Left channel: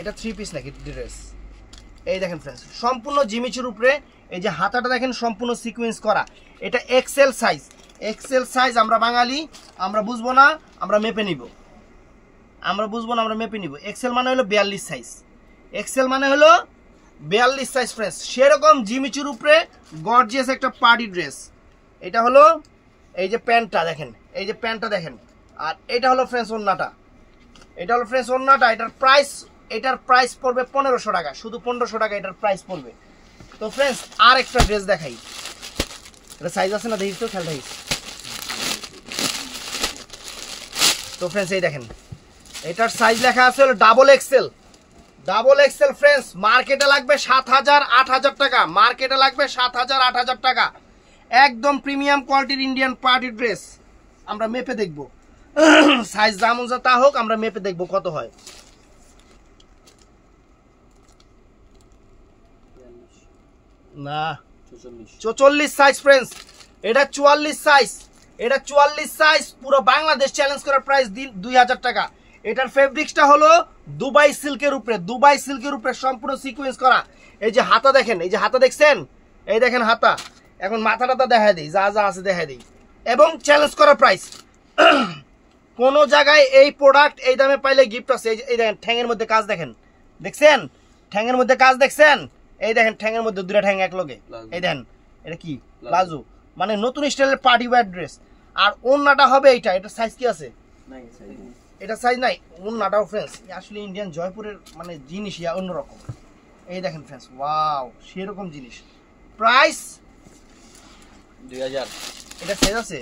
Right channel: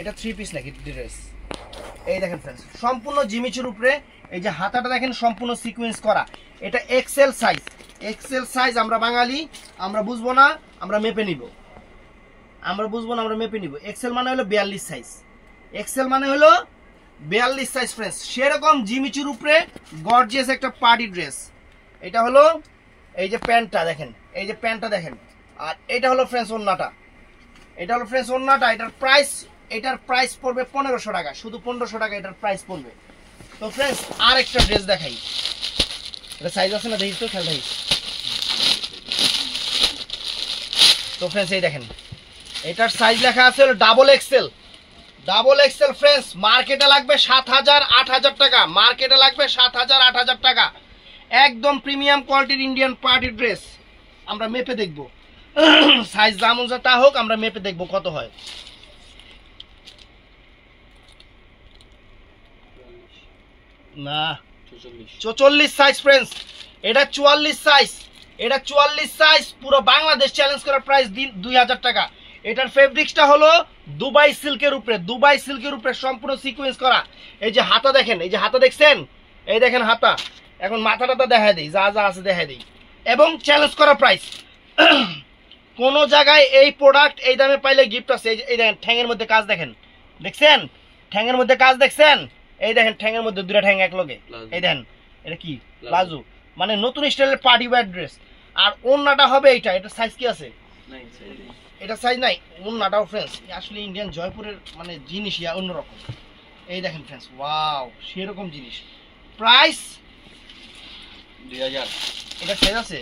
এটা 3 পিস নাকি ড্রেস? এই দেখেন फ्रेंड्स সম্পূর্ণ জিমিচুর উপরে এই যে হাতাটা দেখেন সম্পূর্ণ সিকোয়েন্স করা। এটা এক্সেল সাইজ। এক্সেল সাইজ আমরা বাঙালি আমরা বুঝবো না, আমরা মেপে নিব। আমরা বুঝবো না, আমরা মেপে নিব। এক্সেল মানে হলো 42 সাইজ। এক্সেল মানে হলো 42 সাইজ फ्रेंड्स। সেরকম জিমিচুর উপরে গর্জিয়াস একটা পার্টি ড্রেস। এটা হলো এই যে প্যান্টটা দেখেন, এই যে প্যান্টটা দেখেন। আর এটা হলো फ्रेंड्स ওন্নাটা। এটা হলো फ्रेंड्स ওন্নাটা। এটার প্রাইস পড়বে 1500 টাকা, শুধু 1500 টাকা এটার প্রাইস পড়বে। তো फ्रेंड्स আর একটা ড্রেস দেখাই। এটা সাইজ আছে না দেখিস তো, খেয়াল রাখিস। তো फ्रेंड्स এই দেখেন এটার সাইজ লেখা আছে হলো double Excel. Double XL friends মার্কেটে লাগবে 7000 8000 টাকা। মার্কেটে লাগবে 7000 8000 টাকা। একদম প্রিমিয়াম কোয়ালিটির ইন্ডিয়ান পার্টি ড্রেস। আমরা মেপে দেখব সাইজ যেমন তা হোক, আমরা মেপে দেখব কত হয়। না 44 সাইজ फ्रेंड्स। এটা 44 সাইজ। এটা 44 সাইজ। পুরো বাংলাদেশ চ্যালেঞ্জ করার প্রাইস 2000 টাকা। এটার ফেব্রিক্সটা হলো দুবাই সিল্কের উপরে। দুবাই সিল্কের উপরে সম্পূর্ণ সিকোয়েন্স করা। এই যে হাতা দেখেন, এই যে হাতা দেখছেন, এই দেখেন হাতা। এখন মাথাটা দেখায় দেই, যা যা আছে দেখায় দেই। এবং চ্যালেঞ্জ করা প্রাইস। কোন জায়গায় এই প্রোডাক্ট এই দামে পাইলে গিফট আছে। এই দেখেন ঠ্যাঙের মধ্যে কাজ দেখেন, দেখছেন ঠ্যাঙের মধ্যে কাজ দেখছেন। এই দেখেন ঠ্যাঙের মধ্যে দুইটা ঠ্যাং এক লগে। এই দেখেন এটা কি প্লাজো, মানে নতুন স্টাইলের পার্টি ওয়্যার ড্রেস। আর ওন্নাটা হবে এইটা। এটা সাইজ কি আছে? এটা সাইজ নাই। ওন্নাটাও फ्रेंड्स আসলে ইন্ডিয়ান জয়পুরের মানে জিনিস ইয়া অন্যরকম। এই দেখেন फ्रेंड्स ওয়াও সেরকম জিনিস। প্রাইস 2000। এটা সাইজ আছে।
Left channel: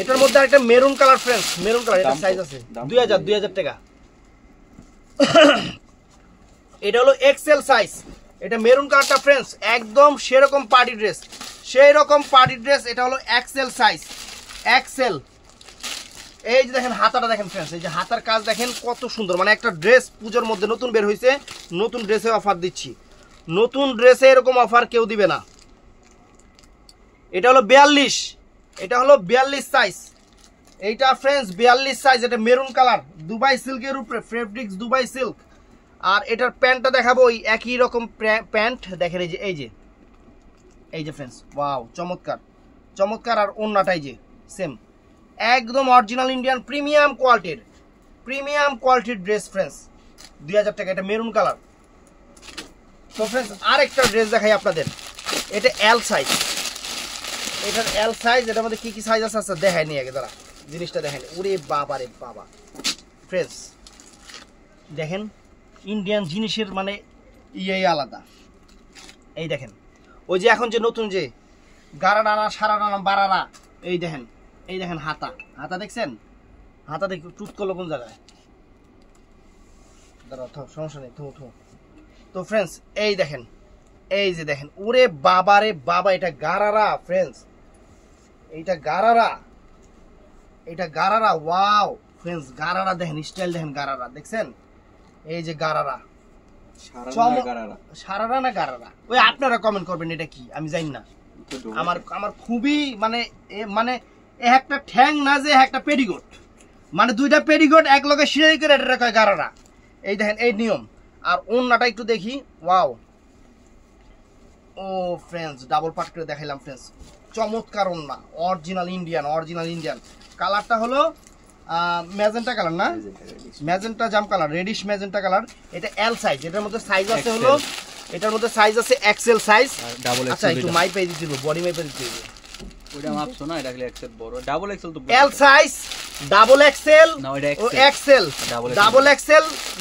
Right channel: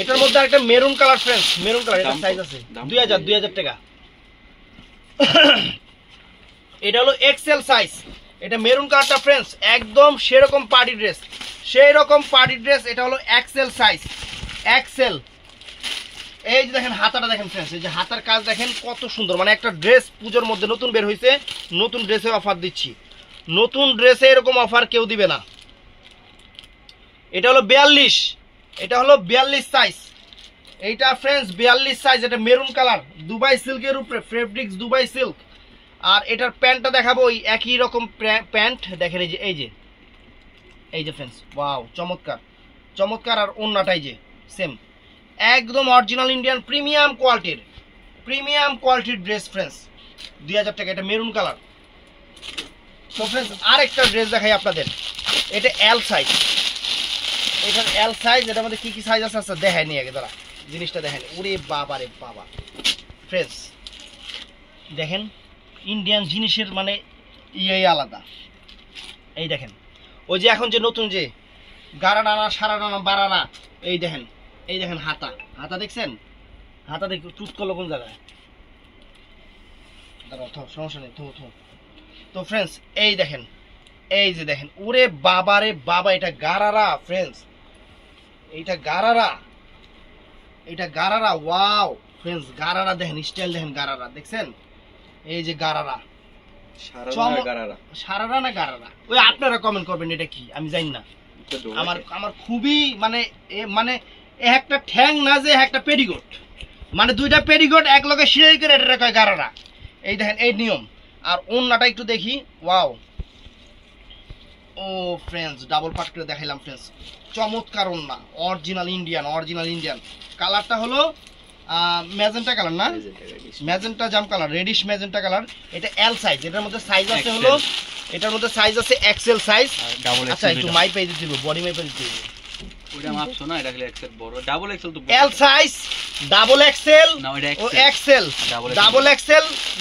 এটার মধ্যে একটা maroon colour friends, maroon colour. এটা সাইজ আছে 2000 টাকা। এটা হলো এক্সেল সাইজ। এটা মেরুন কালারটা फ्रेंड्स একদম সেরকম পার্টি ড্রেস, সেই রকম পার্টি ড্রেস। এটা হলো এক্সেল সাইজ। এক্সেল। এই যে দেখেন হাতাটা দেখেন फ्रेंड्स, এই যে হাতার কাজ দেখেন কত সুন্দর। মানে একটা ড্রেস পূজোর মধ্যে নতুন বের হয়েছে, নতুন ড্রেসে অফার দিচ্ছি। নতুন ড্রেসে এরকম অফার কেউ দিবে না। এটা হলো 42। এটা হলো 42 সাইজ। এইটা फ्रेंड्स 42 সাইজ। এটা মেরুন কালার, দুবাই সিল্কের উপরে, ফেব্রিক্স দুবাই সিল্ক। আর এটার প্যান্টটা দেখাবো ওই একই রকম প্যান্ট দেখেন। এই যে फ्रेंड्स ওয়াও চমৎকার চমৎকার। আর ওন্নাটাই যে সেম একদম অরিজিনাল ইন্ডিয়ান প্রিমিয়াম কোয়ালিটির ড্রেস फ्रेंड्स 2000 টাকা। এটা মেরুন কালার। তো फ्रेंड्स আরেকটা ড্রেস দেখাই আপনাদের। এটা এল সাইজ। এটার এল সাইজ। এটার মধ্যে কি কি সাইজ আছে আচ্ছা দেখাই নি আগে, দাঁড়া জিনিসটা দেখেন। ওরে বাবা রে বাবা फ्रेंड्स দেখেন ইন্ডিয়ান জিনিসের মানে ইয়ে আলাদা। এই দেখেন ওই যে এখন যে নতুন যে গাড়া ডানা সারা ডানা বাড়ানা, এই দেখেন। এই দেখেন হাতা, হাতা দেখছেন? হাতা দেখি চুট করলো কোন জায়গায়, দাঁড়াও সমস্যা নেই। তো फ्रेंड्स এই দেখেন, এই যে দেখেন ওরে বাবা রে বাবা। এটা গারারা फ्रेंड्स, এইটা গারারা, এটা গারারা। ওয়াও फ्रेंड्स গারারা দেখেন, স্টাইল দেখেন গারারা দেখছেন? এই যে গারারা, সারারা না গারারা, ওই আপনারা কমেন্ট করবেন এটা কি আমি জানি না। আমার খুবই মানে একটা ঠ্যাং না যে একটা পেরিগোট, মানে দুইটা পেরিগোট এক লগে সিলাই করে এটা কয় গারারা। এই দেখেন এই নিয়ম। আর ওন্নাটা একটু দেখি। ওয়াও ও फ्रेंड्स ডাবল পাট করে দেখাইলাম फ्रेंड्स। চমৎকার ওন্না, অরিজিনাল ইন্ডিয়ান। কালারটা হলো ম্যাজেন্টা কালার না, ম্যাজেন্টা জাম কালার, রেডিশ ম্যাজেন্টা কালার। এটা এল সাইজ। এটার মধ্যে সাইজ আছে হলো, এটার মধ্যে সাইজ আছে এক্সেল সাইজ। আচ্ছা একটু মাইপে দিতে দিব, বডি মাইপে দিতে দিব। ওটা মাপছো না, এটা এক্সেল বড়। ডাবল এক্সেল তো এল সাইজ, ডাবল এক্সেল ও এক্সেল,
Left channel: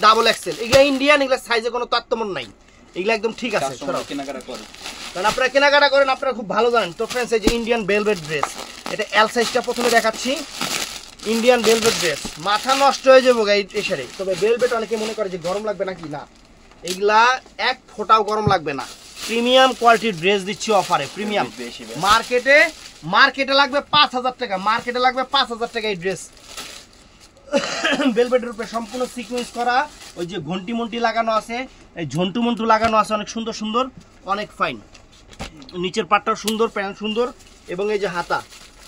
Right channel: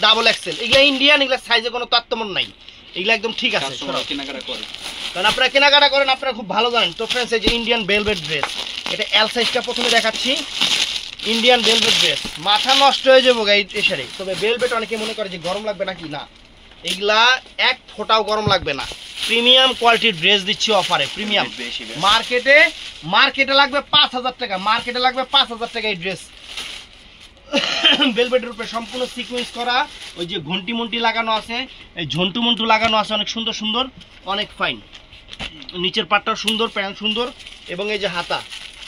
ডাবল এক্সেল। এগুলা ইন্ডিয়ান, এগুলা সাইজে কোনো তারতম্য নাই, এগুলা একদম ঠিক আছে। কেনাকাটা করেন, কারণ আপনারা কেনাকাটা করেন, আপনারা খুব ভালো জানেন। তো फ्रेंड्स এই যে ইন্ডিয়ান ভেলভেট ড্রেস, এটা এল সাইজটা প্রথমে দেখাচ্ছি। ইন্ডিয়ান ভেলভেট ড্রেস মাথা নষ্ট হয়ে যাবো গাই এসে। তবে ভেলভেট অনেকে মনে করে যে গরম লাগবে নাকি, না এগুলা এক ফোঁটাও গরম লাগবে না। প্রিমিয়াম কোয়ালিটির ড্রেস দিচ্ছি অফারে, প্রিমিয়াম। মার্কেটে লাগবে 5000 টাকা, মার্কেটে লাগবে 5000 টাকা এই ড্রেস। ভেলভেটের উপরে সম্পূর্ণ সিকোয়েন্স করা, ওই যে ঘন্টি মন্টি লাগানো আছে, এই ঝন্টু মন্টু লাগানো আছে, অনেক সুন্দর সুন্দর, অনেক ফাইন। নিচের পাটটাও সুন্দর, প্যান্ট সুন্দর। এবং এই যে হাতা,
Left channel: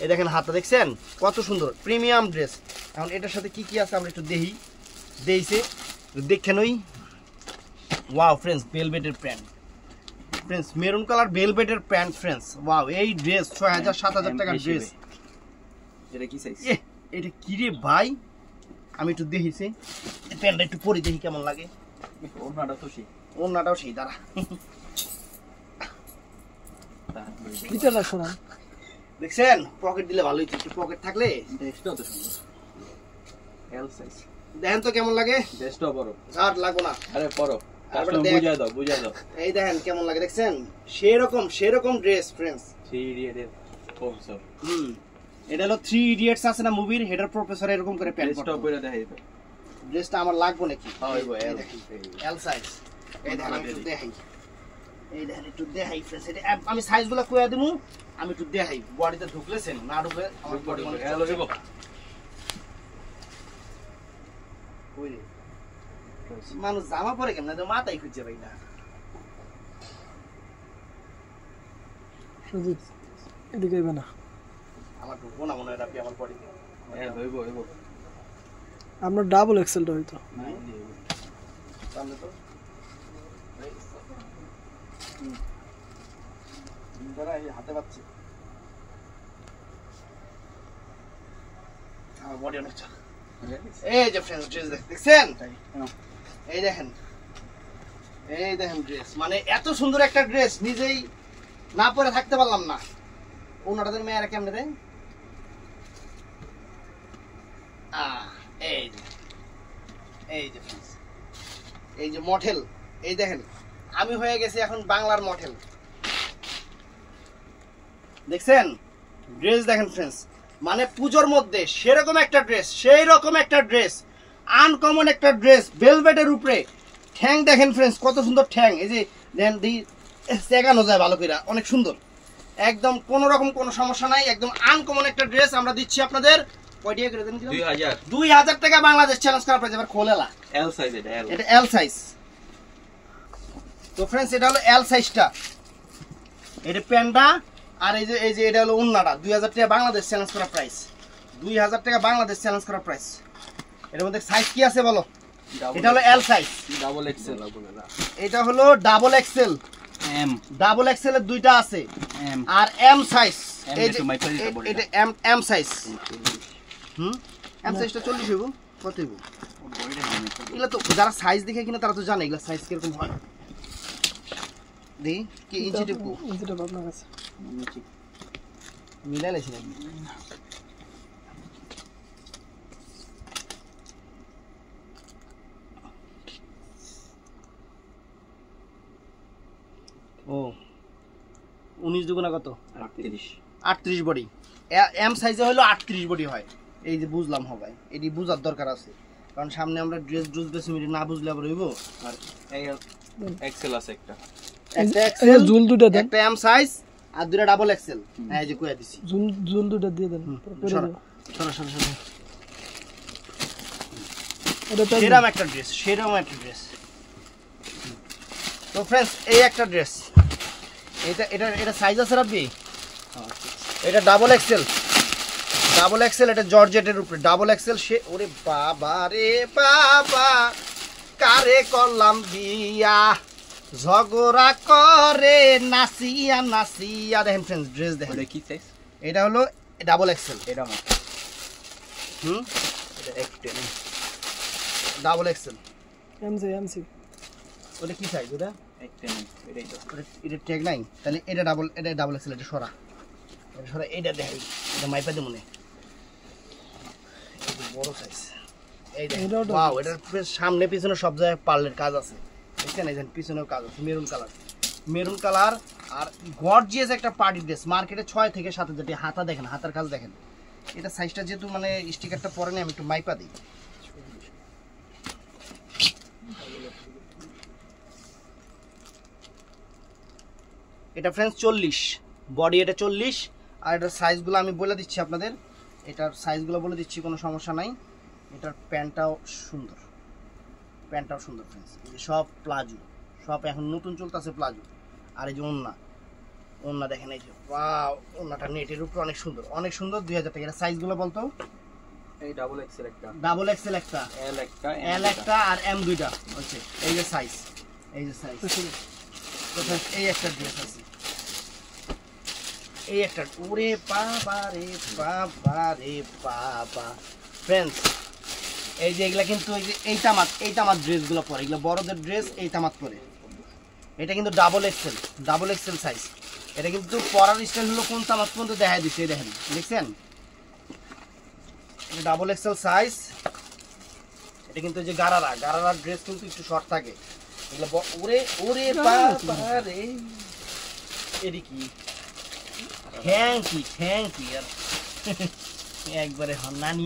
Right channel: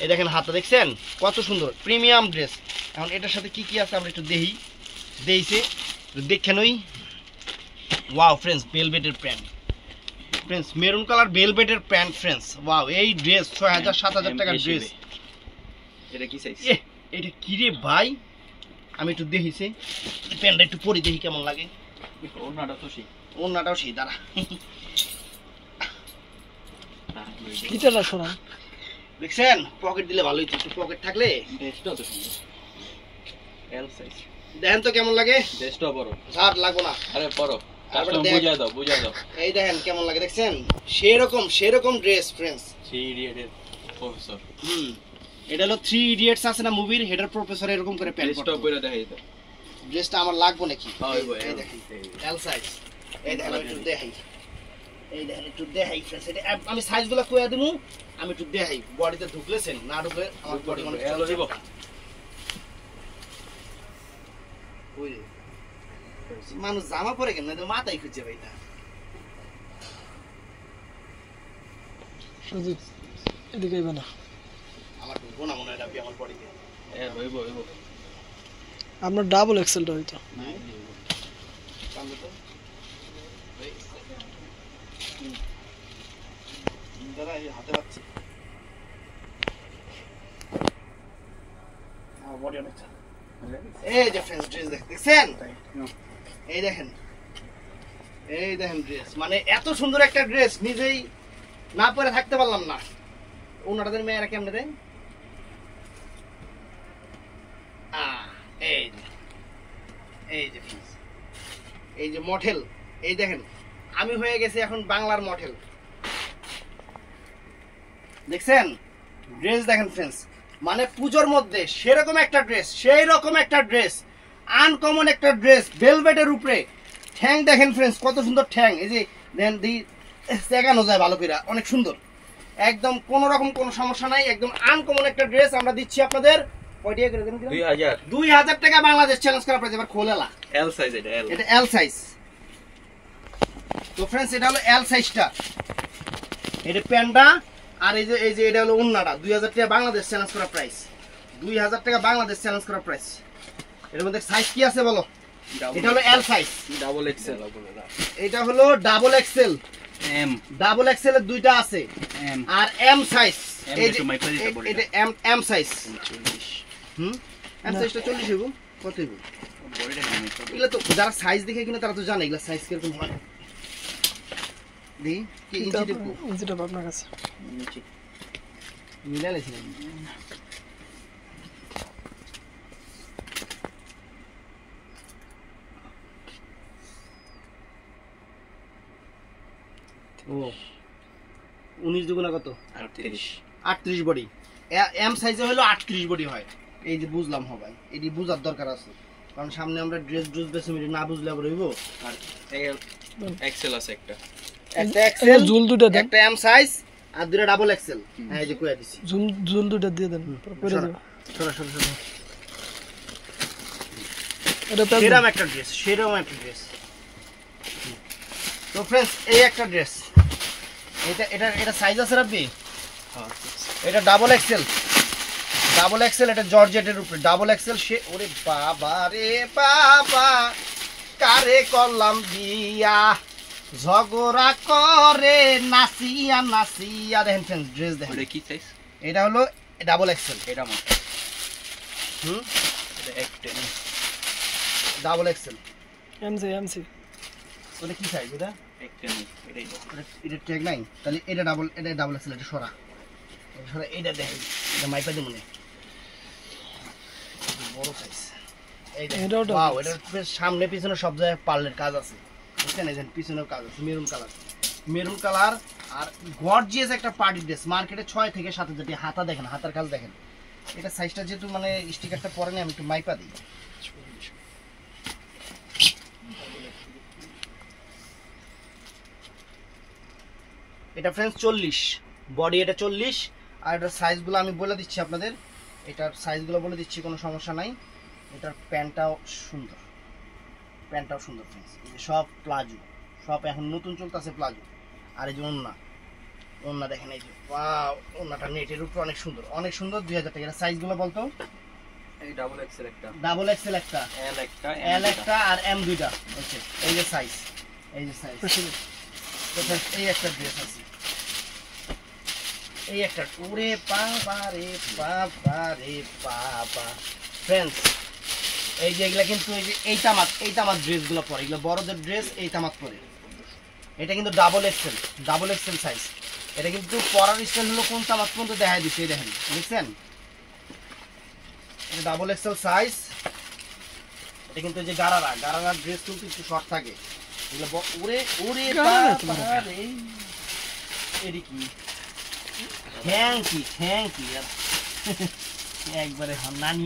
এই দেখেন হাতা দেখছেন কত সুন্দর, প্রিমিয়াম ড্রেস। এখন এটার সাথে কি কি আছে আমরা একটু দেখি। দিয়েছে দেখেন ওই ওয়াও ফ্রেন্ডস ভেলভেটের প্যান্ট ফ্রেন্ডস মেরুন কালার ভেলভেটের প্যান্ট ফ্রেন্ডস ওয়াও এই ড্রেস 6000 7000 টাকার ড্রেস এটা কি সাইজ এটা কি রে ভাই আমি একটু দেখিছি প্যান্টটা একটু পরে দেখি কেমন লাগে ওড়নাটা তো সেই ওড়নাটাও সেই দাঁড়া কিটাটা সরা দেখছেন পকেট দিলে ভালোই একটু পকেট থাকলে ড্রেসটা তো সুন্দর এল সাইজ দেখেন তো কেমন লাগে ড্রেসটা বড় শার্ট লাগবো না আরে পরো আবার কাস্টমার দেখ। বুঝা দাও এই দেখেন কেমন লাগে দেখছেন সেরকম ড্রেস ফ্রেন্ডস সেই ইডিয়েটের প্রফেসর এটা হলো 3 ইডিয়টস আছে না মুভির হেডার প্রফেসর এরকম করে প্যান্ট ড্রেসটা পরে দেখাই তো ড্রেসটা আমার লাগবে নাকি হয় ভাই এই দেখেন এল সাইজ এই দেখেন আমি একটু দেখাই এই দেখেন একটু দেখাই ফ্রেন্ডস এটা আমি সাইজগুলো কইয়া দিমু আমি একটু দেখাই বডিতে ঢুকলেছেন না ঢুকলে আমার বডি মানে হ্যালো দেব ওই রে। মানুষ জামা পরে কেন না তো মাথায় খুঁজছে ভাই না সুজিত এদিকে আইবা না আমার ঢুকবো না মনে হয় এটা আমার বডিতে হ্যাঁ হইব আপনার ডাবল এক্সেলটা হইতো সামনে তো দাঁড়া এই হাতে পাচ্ছি আমার বডি অনেক চাপ এই যে ফ্রেন্ডস ড্রেস দেখছেন এই দেখেন ড্রেস মানে এত সুন্দর একটা ড্রেস নিজেই না পরে থাকতে পারলাম না ওনাদের মেয়েরা কেমনে দেয় এই যে friends, এই যে মডেল এই দেখেন আমি হয়ে গেছি এখন বাংলার মডেল দেখছেন ড্রেস দেখেন ফ্রেন্ডস মানে পূজোর মধ্যে সেরকম একটা ড্রেস সেই রকম একটা ড্রেস আনকমন একটা ড্রেস ভেলভেটের উপরে ঠ্যাং দেখেন ফ্রেন্ডস কত সুন্দর ঠ্যাং এই যে দেন দি সেগানো যায় ভালো করে অনেক সুন্দর একদম কোনো রকম কোনো সমস্যা নাই একদম আনকমন একটা ড্রেস আমরা দিচ্ছি আপনাদের কয় টাকা করে দেন 2000 2000 টাকা বাংলাদেশ চ্যালেঞ্জ করা প্রাইস এবার খোলেলা এল সাইজ এটা এল সাইজ তো ফ্রেন্ডস এটা হলো এল সাইজটা এটা প্যান্ডা আর এই যে এটা হলো ওন্নাটা 2000 টাকা বাংলাদেশ চ্যালেঞ্জ করা প্রাইস 2000 টাকা বাংলাদেশ চ্যালেঞ্জ করা প্রাইস এর মধ্যে সাইজ কি আছে বলো এটা হলো এল সাইজ ডাবল এক্সেল এটা হলো double XL M double XL এর দুইটা আছে এম আর এম সাইজ এই যে একটু মাইপা দিতে বলি। এটা এম সাইজ এম সাইজটা 40 হইব কত হইব এগুলা তো যারা সাইজ দেখে কিনা তারা তো জানে এগুলা সাইজ কিরকম হয় দেখি কি ইঞ্চি টিপু ইঞ্চিটা আপনার কাছে মিলাইছি না ও 19 দুগুণা কত 38 বডি এম সাইজে হলো 38 বডি হয় এই যে বুঝলাম হবে এটি বুঝার দরকার আছে কারণ সামনে আমরা ড্রেস বেশি না বুঝলে আবার হইব আর এক্সেল আছে একটা একটা এই এক্সেল জুল দুইটা দেন একটা এম সাইজ আর দুটো ডাবল এক্সেল হ্যাঁ এই যে কইয়া দিছি জুল দুইটা দিয়ে দেন পরে সরা দেব সরা এটা তো সেরকম একটা ড্রেস তো ফ্রেন্ডস এই একটা ড্রেস এটা সাইজ আছে রাব্বি এটা ডাবল এক্সেল এটা জর্জেটের উপরে ডাবল এক্সেল সে ওরে বাবা রে বাবা কারে করলাম বিয়া ঝগড়া করে নাসিয়া দেখেন ফ্রেন্ডস ড্রেস দেখেন এটা কি সাইজ এটা হলো ডাবল এক্সেল এটা মত এটা এক10 ডাবল এক্সেল এমসি ওটা কি সাইজ এটা এক10 এটাই তো এটা ট্যাগ নাই তাহলে এটা ডাবল এক্সেল এটা সরা এটা দেখেন এটা মাইপা দে মনে বড় সাইজ এই দেখেন এটাও double ওয়াও এটা সামনে পিছনে সব জায়গায় পার্লের কাজ আছে বুঝছেন এই যে পিছনেও কাজ আছে মেরুন কালার আর গর্জিয়াস একটা পার্টি ড্রেস মার্কেটে 6 থেকে 7 যেটি হাতা দেখেন হাতার কাজ দেখেন এটা সাইজটা যেহেতু মানে স্টিকারটা পরে না আমি একটু মাইপা দিই এটা ফ্রেন্ডস 40 বডি এটা 40 আর এটার সাইজগুলো আমি বলে দিচ্ছি আপনাদের এটার সাইজগুলো বলে দিচ্ছি কোনো সমস্যা নাই এটার প্যান্টটাও সুন্দর ফ্রেন্ডস সব প্লাজো সব এখন নতুন চলতেছে প্লাজো আর এই যে ওন্না দেখেন এই যে ওয়াও ওন্নাটা নেটের উপরে অনেক সুন্দর 2000 টাকা এর সাইজগুলো বলতো এই ডাবল এক্সেল একটা, ডাবল এক্সেল একটা, এল একটা, এল একটা আর এম দুইটা হচ্ছে। এই যে সাইজ, এই যে সাইজ। তো friends, এই একটা ড্রেস আছে, এই একটা, ওরে বাবা রে বাবা রে বাবা ফ্রেন্ডস, এই যে এগুলা কিন্তু এই তামাত ড্রেসগুলো পরে, এগুলো বড়দের ড্রেস, এই তামাত পরে। এটা কিন্তু ডাবল এক্সেল সাইজ। এটা কিন্তু পরার স্টাইল হলো কোন তামাত পর্যন্ত দেখা দিচ্ছে, এই দেখেন, দেখছেন? এটা ডাবল এক্সেল সাইজ। এটা কিন্তু এই যে গারারা ড্রেস কিন্তু একটু শর্ট থাকে এগুলো। ওরে ওরে বাবা রে, এর কি থ্যাংক ইউ একবারে নানি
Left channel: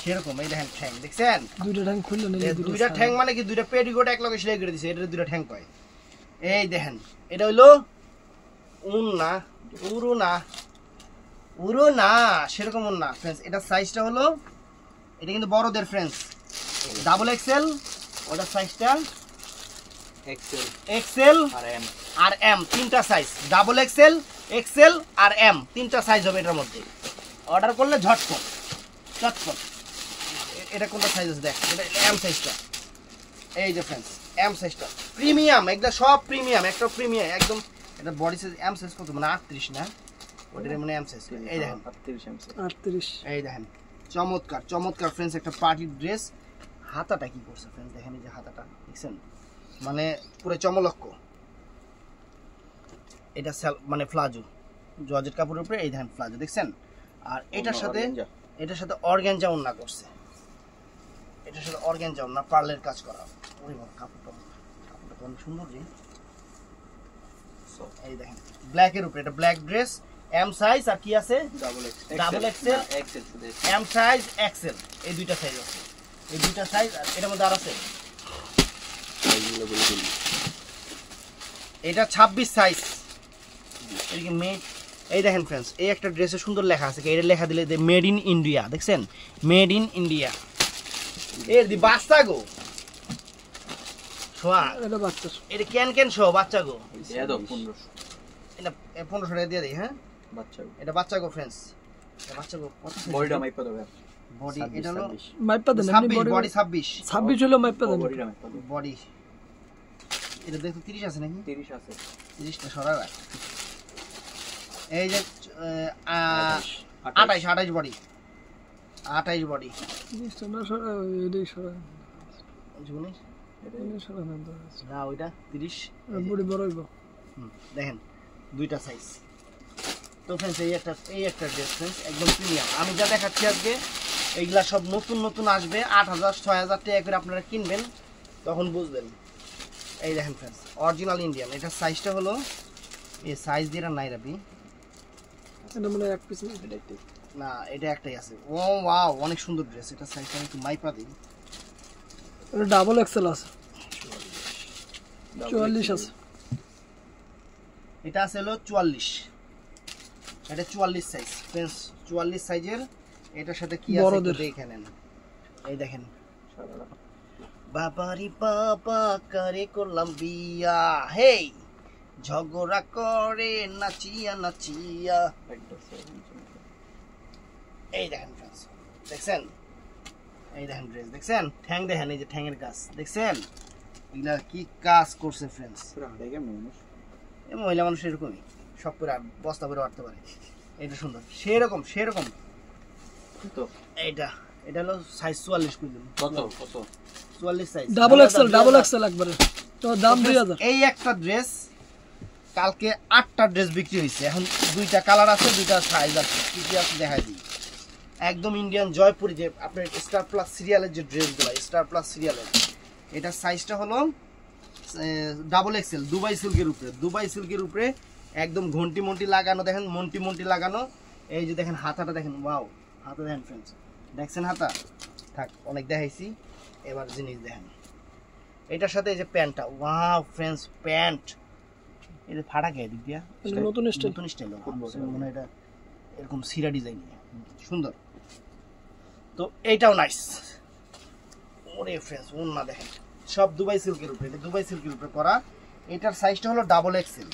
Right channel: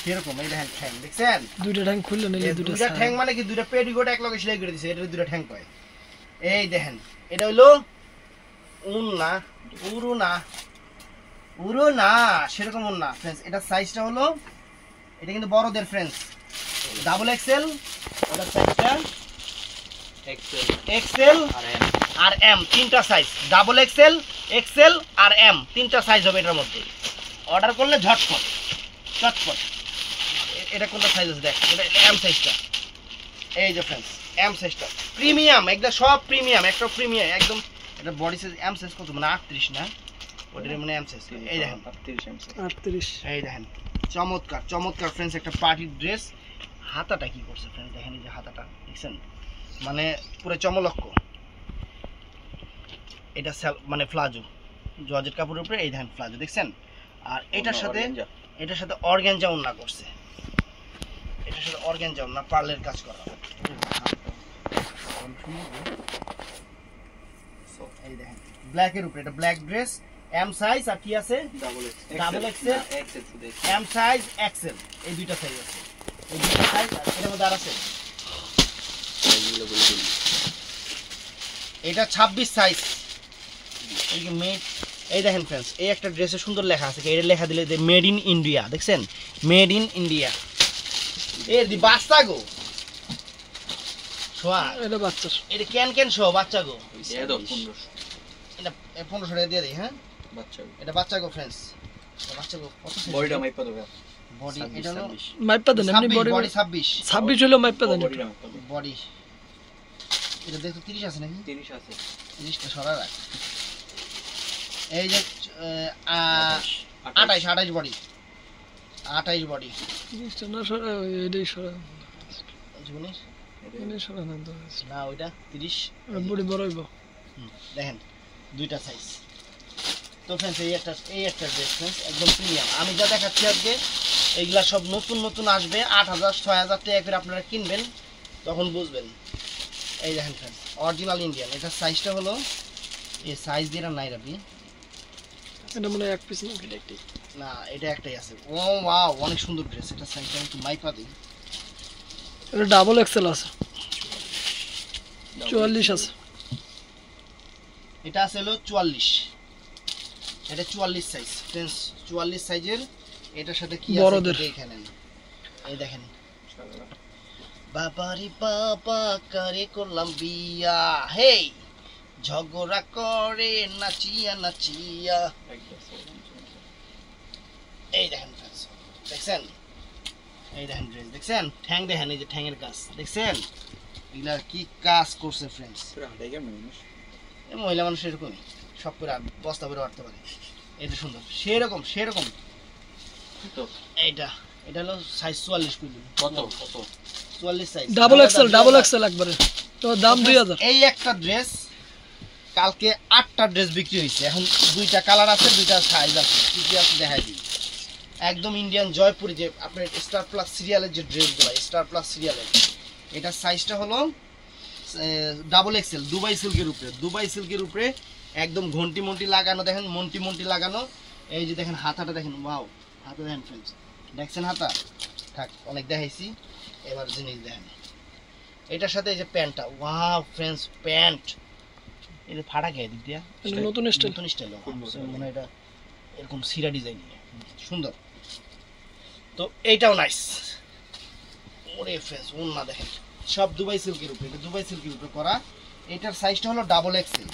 সেরকম। এই দেখেন ঠ্যাং, দেখছেন? দুইটা ঠ্যাং খুললে নিলে দুইটা ঠ্যাং মানে কি, দুইটা পেটিকোট এক লগে সেলাই করে দিছে, এটা দুইটা ঠ্যাং কয়। এই দেখেন, এটা হইলো উড়ো না সেরকম না ফ্রেন্ডস। এটা সাইজটা হলো, এটা কিন্তু বড়দের ফ্রেন্ডস, ডাবল এক্সেল। ওটার সাইজটা এক্সেল আর এম, তিনটা সাইজ, ডাবল এক্সেল, এক্সেল আর এম, তিনটা সাইজ হবে এটার মধ্যে। অর্ডার করলে চটপট। এটা কোনটা সাইজ আছে দেখ, এটা এম সাইজটা। এই যে ফ্রেন্ডস এম সাইজটা প্রিমিয়াম, এগুলা সব প্রিমিয়াম, একটা প্রিমিয়াম একদম। এটা বডি সাইজ এম সাইজ কত মানে 38 না, ওটার মানে এম সাইজ। এই দেখেন 38। এই দেখেন চমৎকার ফ্রেন্ডস, একটা পার্টি ড্রেস। হাতাটা কি করছে ফ্রেন্ডস, দেখেন এই যে হাতাটা, দেখছেন? মানে পুরো চমলক্ষ। এটা মানে ফ্লাজো, জর্জেট কাপড়ের উপরে, এই দেখেন ফ্লাজো, দেখছেন? আর এটার সাথে অর্গানজা ওড়না করছে, এটার সাথে অর্গানজা ওড়না, পার্লের কাজ করা। এই দেখেন ব্ল্যাকের উপরে, এটা ব্ল্যাক ড্রেস, এম সাইজ আর কি আছে double XL, M size, XL, এই দুইটা সাইজ আছে। এই দুইটা সাইজ আর এর মধ্যে আর আছে। এটা 26 সাইজ। এই দেখেন ফ্রেন্ডস, এই একটা ড্রেসে সুন্দর লেখা আছে, এটা লেখা দিলে মেড ইন ইন্ডিয়া, দেখছেন? Made in India. এর দি বাচ্চা গো শোয়া, এটা বাচ্চার, এটা কেন শো বাচ্চা গো, এটা 1500, এটা 1500 টাকা দিয়ে দিই। হ্যাঁ বাচ্চা এটা বাচ্চা গো ফ্রেন্ডস, এটা বাচ্চা গো। কত বডিটা মাইপা দেবে, বডি এটা হলো মাইপা দেন এমনি বডি 26 হলো মাইপা দেন বডিটা মাইপা দেবে, বডি। এটা দেখো 30 আছে নাকি? 30 আছে, 30টা সরা রাখ। এই যে 28 বডি, 28 বডি। জিনিসটা না সরা, এটাই সরা, জিনিস এটাই সরা না তো না, ওইটা 30 বডি বড় হইব। দেখেন দুইটা সাইজ। তো ফ্রেন্ডস এই একটা ড্রেস ফ্রেন্ডস একদম প্রিমিয়াম। আমি যা দেখাচ্ছি আজকে এইগুলা সব নতুন আসবে, 8000 6000 টাকা করে আপনারা কিনবেন, তখন বুঝবেন। এই দেখেন ফ্রেন্ডস অরিজিনাল ইন্ডিয়ান। এটা সাইজটা হলো, এই সাইজ দিয়ে নাই রাবি, এটা মানে এক পিস না এটা একটাই আছে। ও ওয়াও, অনেক সুন্দর ড্রেস। এটা সাইজটা একটু মাইপা দিই, এটা ডাবল এক্সেল আছে, 44 আছে। এটা আছে হলো 44, এটা 44 সাইজ ফ্রেন্ডস, 44 সাইজের। এটার সাথে কি আছে দেখে নেন। এই দেখেন, বাবারি বাবা করে করলাম বিয়া, হেই ঝগড়া করে নাচিয়া। এই দেখেন ফ্রেন্ডস, দেখছেন? এই দেখেন ড্রেস, দেখছেন? ঠ্যাং দেখেন, এই যে ঠ্যাংয়ের কাজ দেখছেন? এগুলা কি কাজ করছে ফ্রেন্ডস। এই মহিলা মানুষ এরকমই, সব করে বস্তা করে আটতে পারে। এটা সুন্দর, সেরকম এইটা হলো সাইজ 44 কইলেন। কত 44 সাইজ, ডাবল এক্সেল একবারে। তো দাম 2000। এই একটা ড্রেস কালকে 8টা ড্রেস বিক্রি হয়েছে। এখন 2টা কালার আছে, 2টা সাইজ আছে, কি আছে দেখাই দিই। একদম ইন্ডিয়ান জয়পুরি, যে আপনার স্টার প্লাস সিরিয়ালের যে ড্রেসগুলো, স্টার প্লাস সিরিয়ালের, এটা সাইজটা হলো ডাবল এক্সেল, দুবাই সিল্কের উপরে একদম ঘন্টি লাগানো। দেখেন মন্টি লাগানো। এই যে দেখেন হাতাটা দেখেন, ওয়াও হাতা দেখেন ফ্রেন্ডস, দেখছেন হাতা? থাক অনেক দেখাইছি, এবার জিনিস দেখেন। এটার সাথে এই যে প্যান্টটা, ওয়াও ফ্রেন্ডস, প্যান্ট এটা ফাটা খেয়ে দিক দিয়া, নতুন স্টাইল মনে হয় এটা এরকম সিরা ডিজাইন, সুন্দর। তো এইটাও নাইস। ওরে ফ্রেন্ডস ওন্না দেখেন, সব দুবাই সিল্কের উপরে, এটা দুবাই সিল্কের উপরে করা। এটার সাইজটা হলো ডাবল এক্সেল,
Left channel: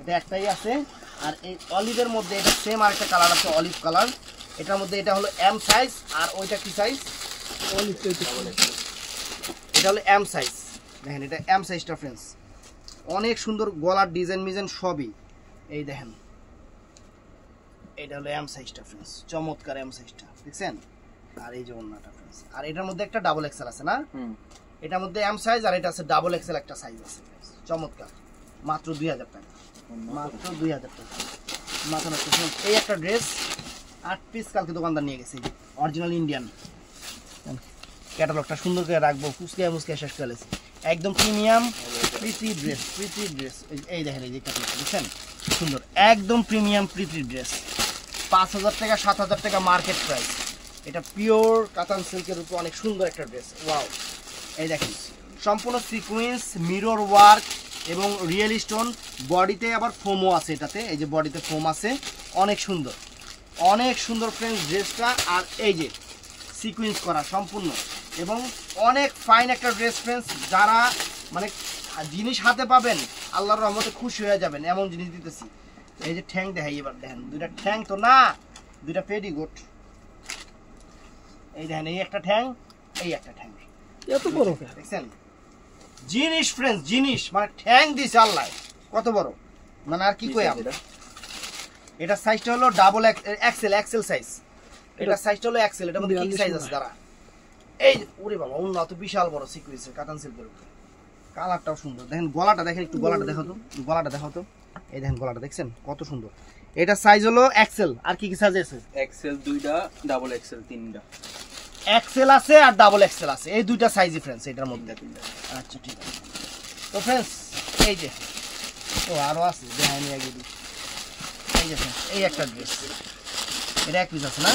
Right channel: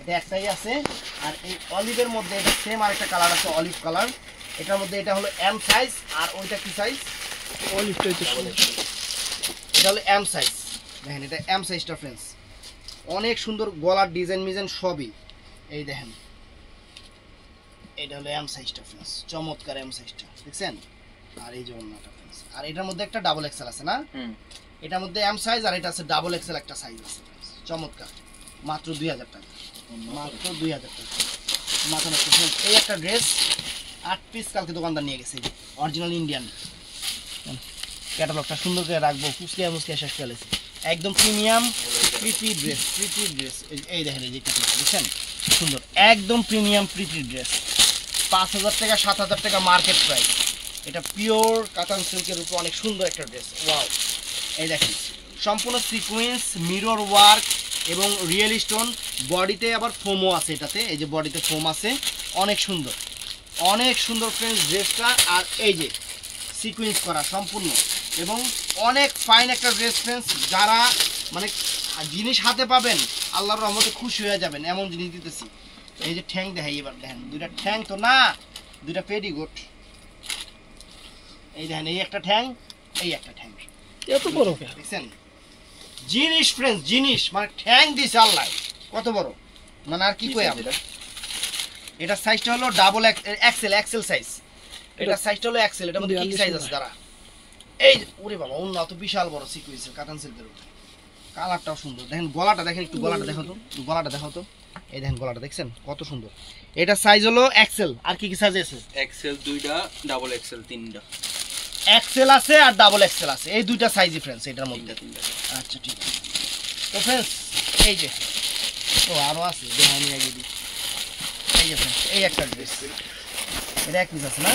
এটা একটাই আছে। আর এই অলিভের মধ্যে এটা সেম আরেকটা কালার আছে, অলিভ কালার। এটার মধ্যে এটা হলো এম সাইজ, আর ওইটা কি সাইজ? এটা হলো এম সাইজ। দেখেন এটা এম সাইজটা ফ্রেন্ডস, অনেক সুন্দর গলার ডিজাইন মিজাইন সবই। এই দেখেন এটা হলো এম সাইজটা ফ্রেন্ডস, চমৎকার এম সাইজটা দেখছেন। আর এই যে ওন্নাটা ফ্রেন্ডস, আর এটার মধ্যে একটা ডাবল এক্সেল আছে না? এটার মধ্যে এম সাইজ আর এটা আছে ডাবল এক্সেল একটা সাইজ আছে ফ্রেন্ডস, চমৎকার। মাত্র 2000 টাকা, মাত্র 2000 টাকা। মাথা নষ্ট ফ্রেন্ডস। এই একটা ড্রেস 8 পিস কালকে দোকানদার নিয়ে গেছে, অরিজিনাল ইন্ডিয়ান। ক্যাটালগটা সুন্দর করে রাখবো, কুচকিয়া মুচকিয়া শেষ করে ফেলেছি। একদম premium pretty dress, pretty dress. এই দেখেন এই যে ক্যাটালগটা দেখছেন, সুন্দর একদম প্রিমিয়াম প্রিটি ড্রেস। 5000 টাকা 7000 টাকা মার্কেট প্রাইস। এটা পিওর কাতান সিল্কের উপর অনেক সুন্দর একটা ড্রেস। ওয়াও, এই দেখেন সম্পূর্ণ সিকোয়েন্স, মিরর ওয়ার্ক এবং রিয়েল স্টোন। বডিতে আবার ফোমও আছে এটাতে, এই যে বডিতে ফোম আছে, অনেক সুন্দর, অনেক সুন্দর ফ্রেন্ডস ড্রেসটা। আর এই যে সিকোয়েন্স করা সম্পূর্ণ এবং অনেক ফাইন একটা ড্রেস ফ্রেন্ডস। যারা মানে জিনিস হাতে পাবেন আল্লাহর রহমতে খুশি হয়ে যাবেন, এমন জিনিস দিতেছি। এই যে ঠ্যাং দেখাই এবার, দেখেন দুইটা ঠ্যাং তো না, দুইটা পেডিকোট। এই দেখেন এই একটা ঠ্যাং, এই একটা ঠ্যাং, এত বড় দেখছেন জিনিস ফ্রেন্ডস, জিনিস মানে ঠ্যাং দিছে আল্লাহ, কত বড় মানে আর কি কই আমরা। এটা সাইজটা হলো ডাবল এক্সেল, এক্সেল সাইজ। এটা সাইজটা হলো এক্সেল। এটা মধ্যে কি সাইজ আছে দাঁড়া। এই ওরে বাবা, উন্নত বিশাল বড় সিকোয়েন্সের কাতান সিল্কের উপরে। কালারটাও সুন্দর, দেখেন গলাটা দেখেন, একটু গলাটা দেখো তো, গলাটা দেখো তো। এই দেখেন গলাটা দেখছেন কত সুন্দর। এটা সাইজ হলো এক্সেল। আর কি কি সাইজ আছে? এক্সেল 2টা, ডাবল এক্সেল 3টা। এক্সেল আছে আর ডাবল এক্সেল আছে, এই দুইটা সাইজই ফ্রেন্ডস এটার মধ্যে। আচ্ছা ঠিক আছে। তো ফ্রেন্ডস এই যে ও আরো আছে, দেখাই আগে দিই। এই যে ফ্রেন্ডস এই একটা ড্রেস, এটা এক পিস আছে না?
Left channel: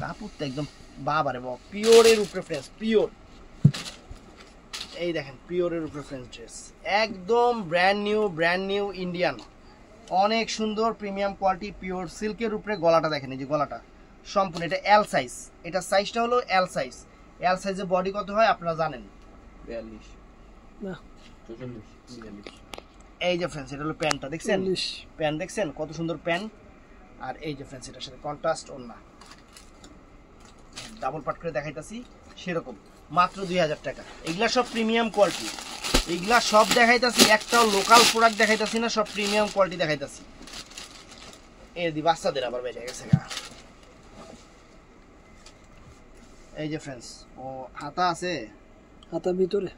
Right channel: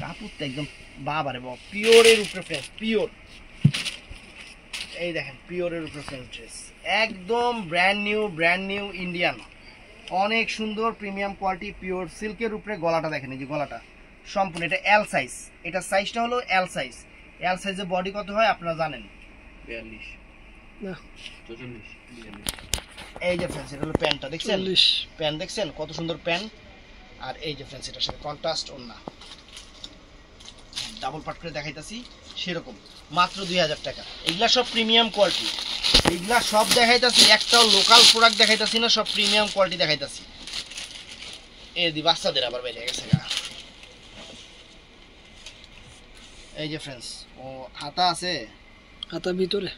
কাপড়টা একদম বাবারে বাবা, পিওরের উপরে ফ্রেন্ডস, পিওর। এই দেখেন পিওরের উপরে ফ্রেন্ডস ড্রেস, একদম ব্র্যান্ড নিউ ইন্ডিয়ান, অনেক সুন্দর প্রিমিয়াম কোয়ালিটি পিওর সিল্কের উপরে। গলাটা দেখেন, এই যে গলাটা সম্পূর্ণ, এটা এল সাইজ। এটা সাইজটা হলো এল সাইজ। এল সাইজে বডি কত হয় আপনারা জানেন? 42 না 44 42। এই যে ফ্রেন্ডস এটা হলো প্যান্টটা দেখছেন, প্যান্ট দেখছেন কত সুন্দর প্যান্ট। আর এই যে ফ্রেন্ডস এটার সাথে কন্ট্রাস্ট ওড়না, ডাবল পাট করে দেখাইতাছি সেরকম, মাত্র 2000 টাকা। এগুলা সব প্রিমিয়াম কোয়ালিটি, এগুলা সব দেখাইতাছি, একটাও লোকাল প্রোডাক্ট দেখাইতাছি না, সব প্রিমিয়াম কোয়ালিটি দেখাইতাছি। এই দি বাচ্চাদের আবার বেরিয়ে গেছে গা। এই যে ফ্রেন্ডস ও হাতা আছে, হাতা ভিতরে